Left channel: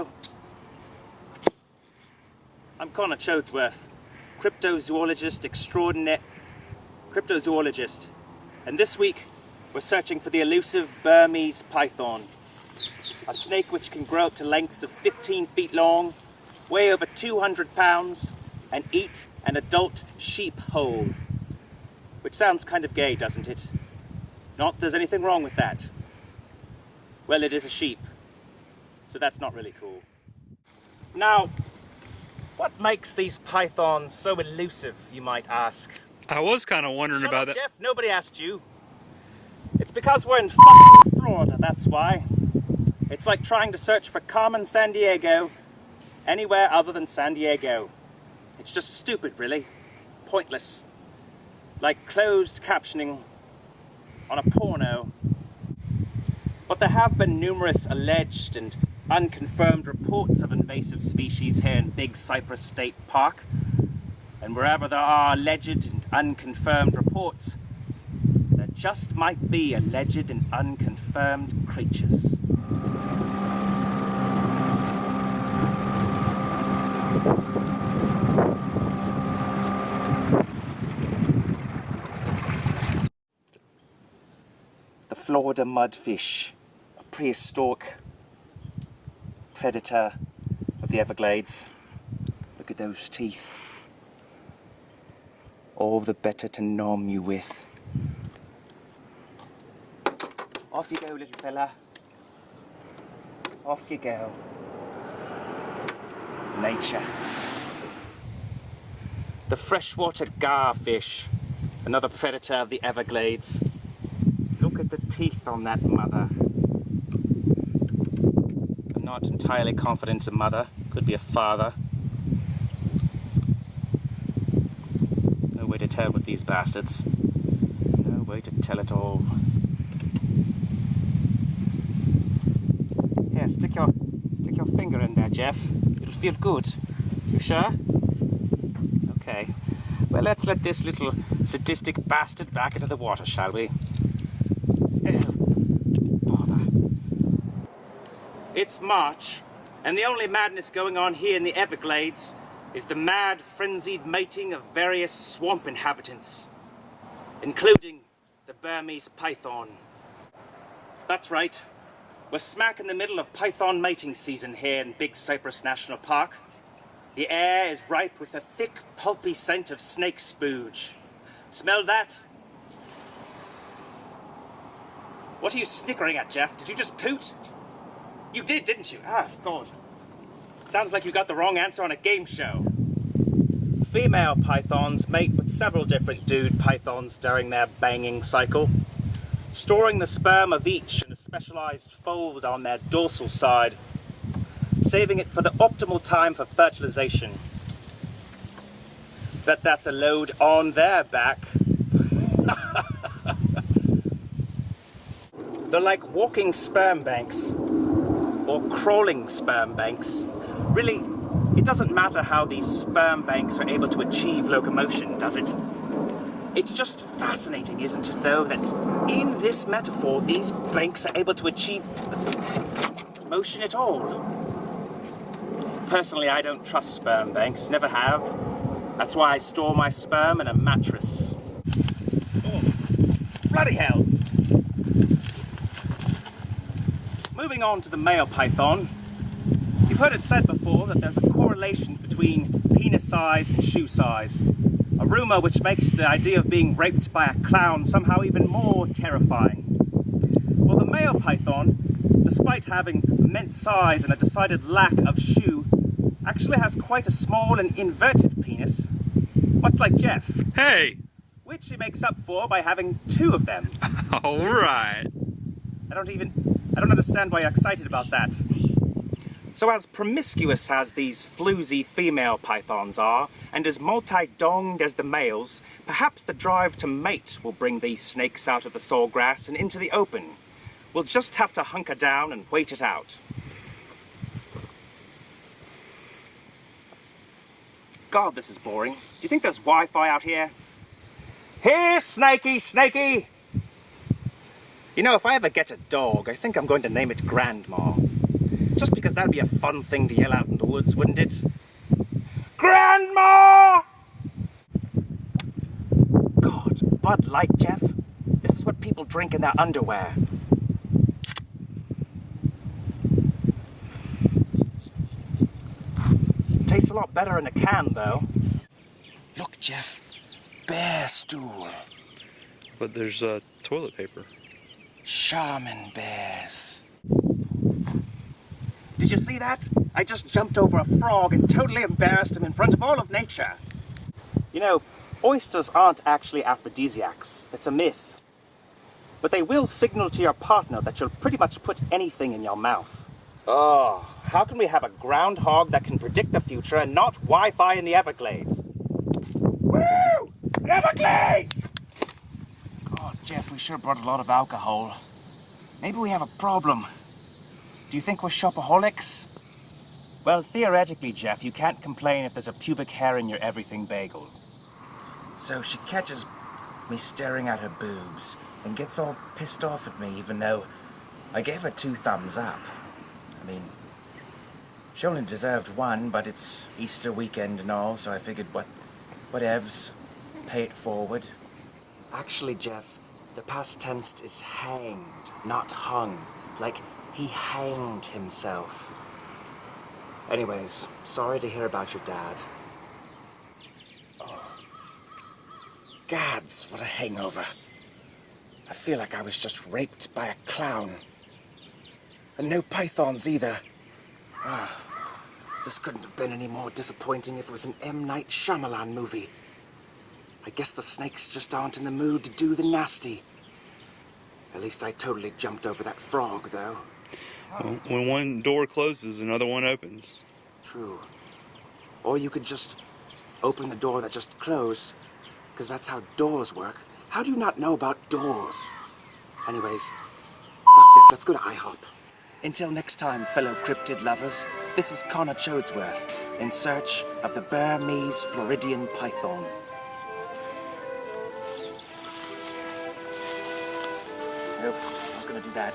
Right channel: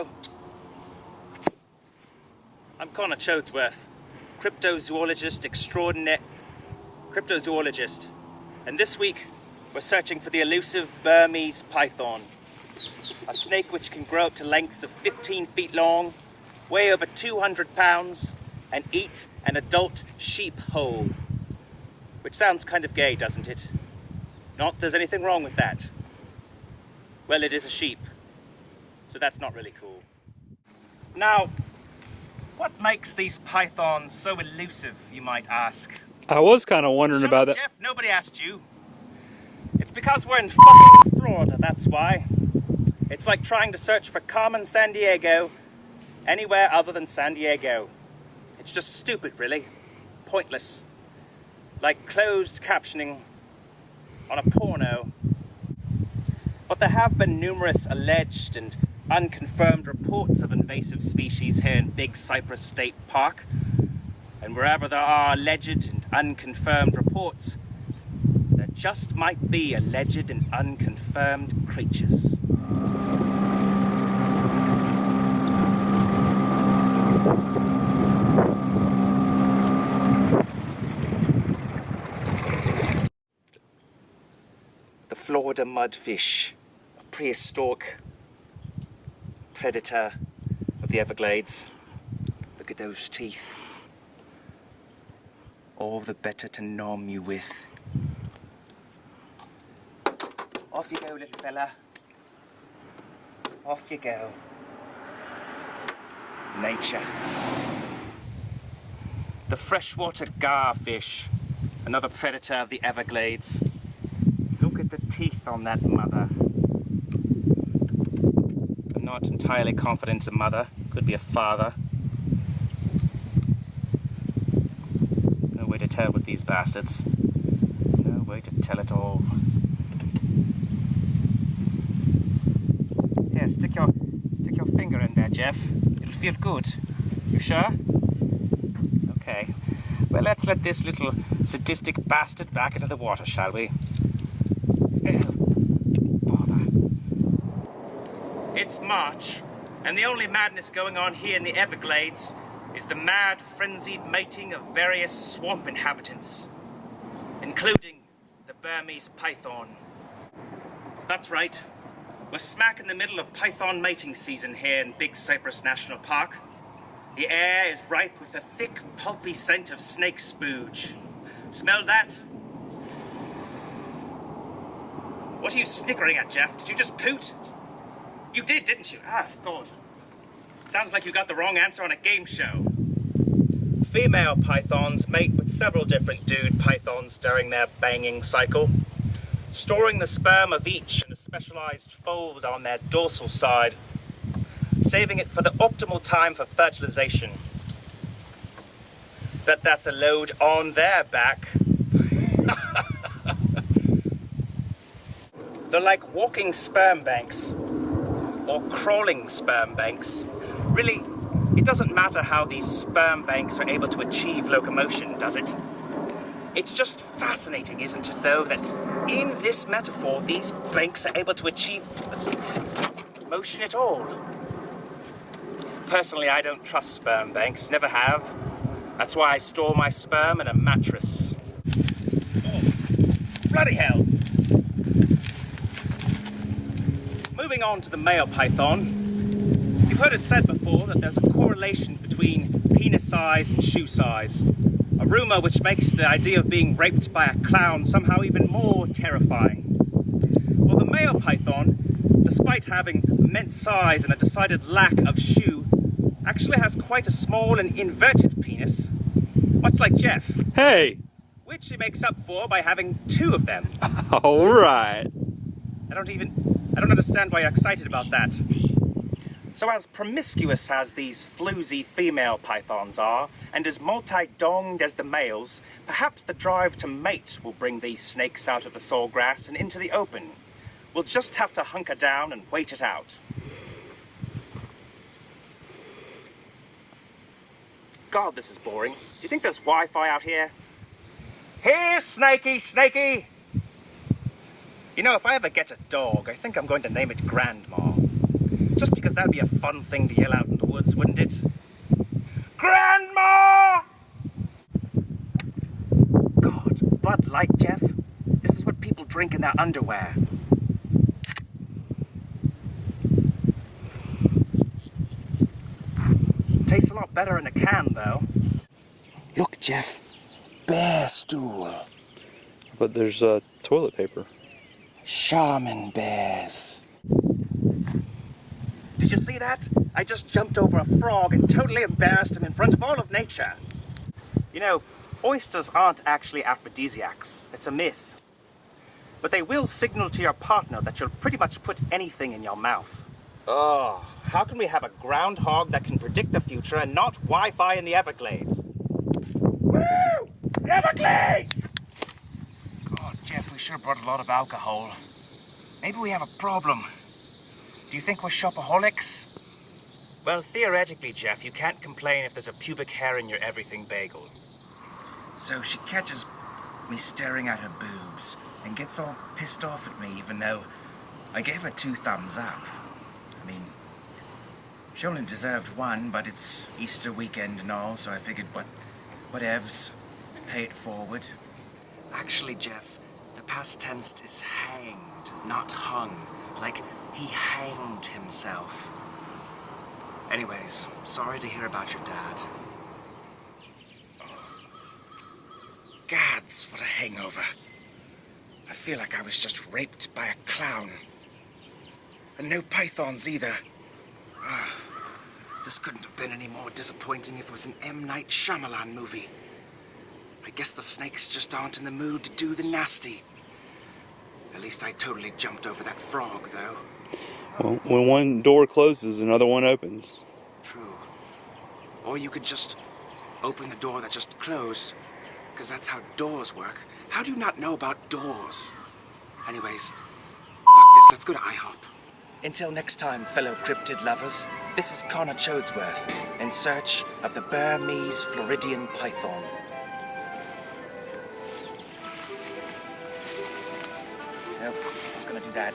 Hello. I'm Connor Choadsworth, cryptozoologist extraordinaire, cryptozoologist. And this week, we're searching for the elusive Burmese python, a snake which can grow up to lengths of 15 feet long, weigh over 200 pounds, and eat an adult sheep whole. Which sounds kind of gay, doesn't it? Not there's anything wrong with that. Well, it is a sheep, so that's not really cool. Now, what makes these pythons so elusive, you might ask? I was kind of wondering about that. Jeff, nobody asked you. It's because we're in fucking Florida, that's why. It's like trying to search for Carmen Sandiego anywhere other than San Diego. It's just stupid, really. Pointless. Like closed captioning on a porno. But there have been numerous alleged and unconfirmed reports of invasive species here in Big Cypress State Park. And wherever there are alleged and unconfirmed reports, there just might be alleged and unconfirmed creatures. The Florida mudfish, a prehistoric predator of the Everglades. Look at those teeth. All the better to nom you with. Off you go, little fella. Off you go. Nature. The freshwater garfish, another predator of the Everglades. Look at the teeth on that mother. I'm not entirely confident it's a mother. Could be a father. No way to tell with these bastards. No way to tell at all. Here, stick your finger in there, Jeff. It'll feel good. You sure? Okay. Well, let's let this little sadistic bastard back into the water, shall we? Oh, bother. It's March, and the only madness going on here in the Everglades is the mad, frenzied mating of various swamp inhabitants, including the Burmese python. That's right. We're smack in the middle of python mating season here in Big Cypress National Park. The air is ripe with the thick, pulpy scent of snake spooge. Smell that? What are you snickering at, Jeff? Did you just poot? You did, didn't you? Ah, God. Sounds like you got the wrong answer on a game show. Female pythons mate with several different dude pythons during their banging cycle, storing the sperm of each in a specialized fold on their dorsal side, saving it for the optimal time for fertilization. That's a load on their back. They're like walking sperm banks, or crawling sperm banks. Really, it doesn't matter how these sperm banks are able to achieve locomotion, does it? It's just fascinating, isn't it, though, that in this metaphor, these banks are able to achieve motion at all. Personally, I don't trust sperm banks, never have. That's why I store my sperm in a mattress. Oh, bloody hell! Moving on to the male python, you've heard it said before that there's a correlation between penis size and shoe size. A rumour which makes the idea of being raped by a clown somehow even more terrifying. Well, the male python, despite having immense size and a decided lack of shoe, actually has quite a small and inverted penis, much like Jeff. Hey! Which he makes up for by having two of them. Alright. I don't understand why you're excited about that. So as promiscuous as these floozy female pythons are, and as multi-donged as the males, perhaps the drive to mate will bring these snakes out of the sawgrass and into the open. We'll just have to hunker down and wait it out. God, this is boring. Do you think there's Wi-Fi out here? Here, Snakey, Snakey! You know, if I ever get a dog, I think I'm going to name it Grandma. Just because that'd be a fun thing to yell out in the woods, wouldn't it? Grandma! God, Bud Light, Jeff. This is what people drink in their underwear. Tastes a lot better in a can, though. Look, Jeff. Bear stool. But there's toilet paper. Sherman bears. Did you see that? I just jumped over a frog and totally embarrassed him in front of all of nature. You know, oysters aren't actually aphrodisiacs. It's a myth. But they will signal to your partner that you'll pretty much put anything in your mouth. Oh, how can we have a groundhog that can predict the future and not Wi-Fi in the Everglades? Woo! Everglades! God, Jeff, we sure brought a lot of alcohol. Maybe we have a problem. Do you think we're shopaholics? Well, theoretically, Jeff, you can't complain if there's a pubic hair in your everything bagel. So she catches me staring at her boobs and gets all pissed off at me, even though I gave her 2 thumbs up. I mean, she only deserved 1, but it's Easter weekend and all, so I figured whatevs, pay it forward. Actually, Jeff, the past tense is hanged, not hung. Like, he hanged himself. Anyways, sorry to hear about your dad. Oh. Gads, what a hangover. I feel like I was just raped by a clown. And no pythons either. This couldn't have been any more disappointing if it was an M. Night Shyamalan movie. I guess the snakes just aren't in the mood to do the nasty. At least I totally jumped over that frog, though. Well, when one door closes, another one opens. True. Or you could just open the door that just closed, because that's how doors work. How do you not know about doors? Anyways, fuck this, let's go to IHOP. Until next time, fellow cryptid lovers, this is Connor Choadsworth, in search of the Burmese Floridian python. Nope, not gonna do that.